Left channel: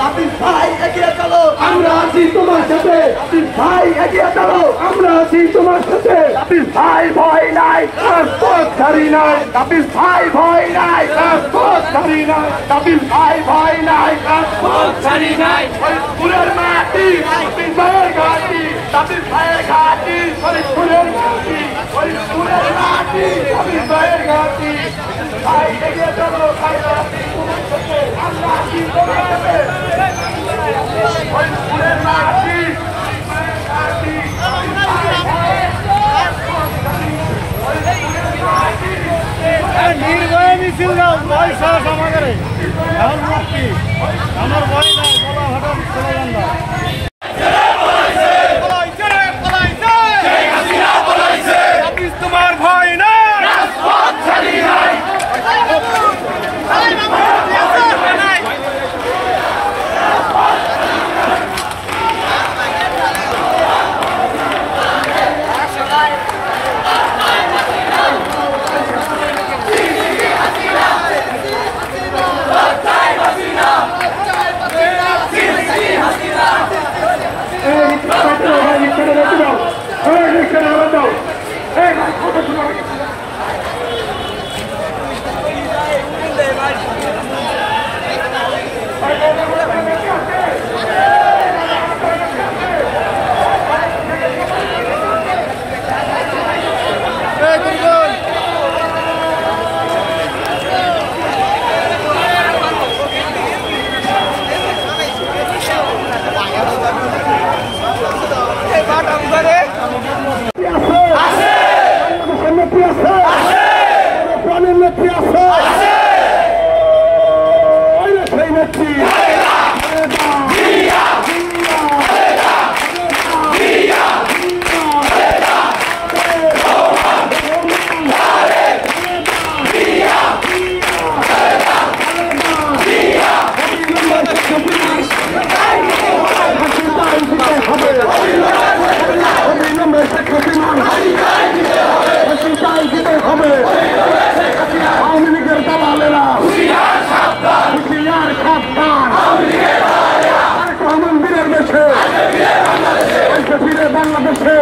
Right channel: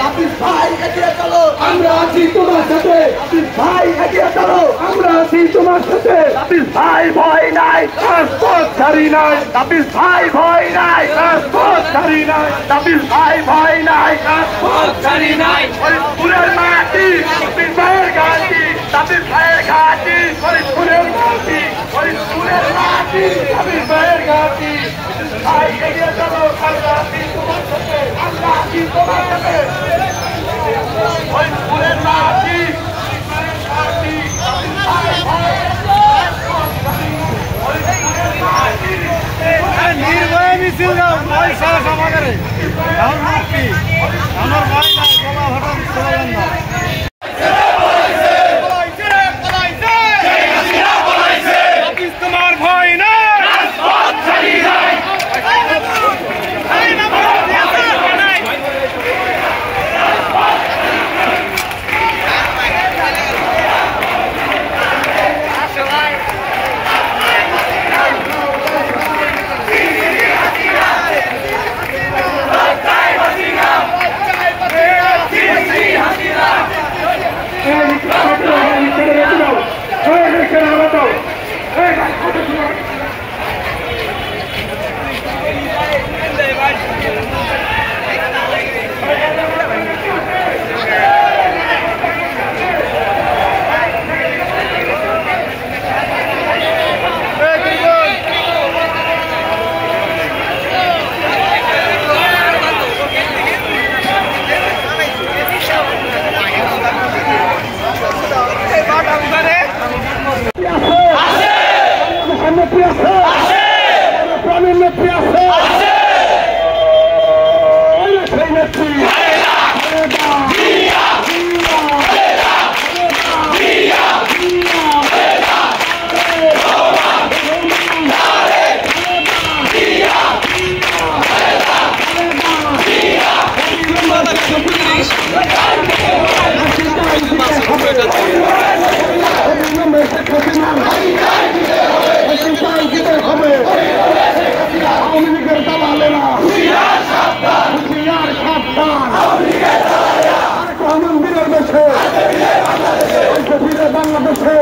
হাফিজ ভাই এগিয়ে চলো, আমরা আছি তোমার সাথে। হাফিজ ভাই এগিয়ে চলো, আমরা আছি তোমার সাথে। হাফিজ ভাই ভয় নাই, রাজপথ ছাড়ি নাই। হাফিজ ভাই ভয় নাই, রাজপথ ছাড়ি নাই। হাফিজ ভাই ভয় নাই, রাজপথ ছাড়ি নাই। ফুলের মাটি হাফিজ ভাইয়ের ঘাটি, হাফিজ ভাইয়ের ঘাটি ফুলের মাটি, ফুলের মাটি হাফিজ ভাইয়ের ঘাটি। ভাই এগিয়ে চলো, আমরা আছি তোমার সাথে। আমরা আছি তোমার সাথে। ফুলের মাটি নির্ভয় মিছিল দাও, ভয় সারা সমাজে আমার ভয় নাই, বলা হঠাৎ স্লোগান দাও। তোমার ভয় না, বাংলাদেশে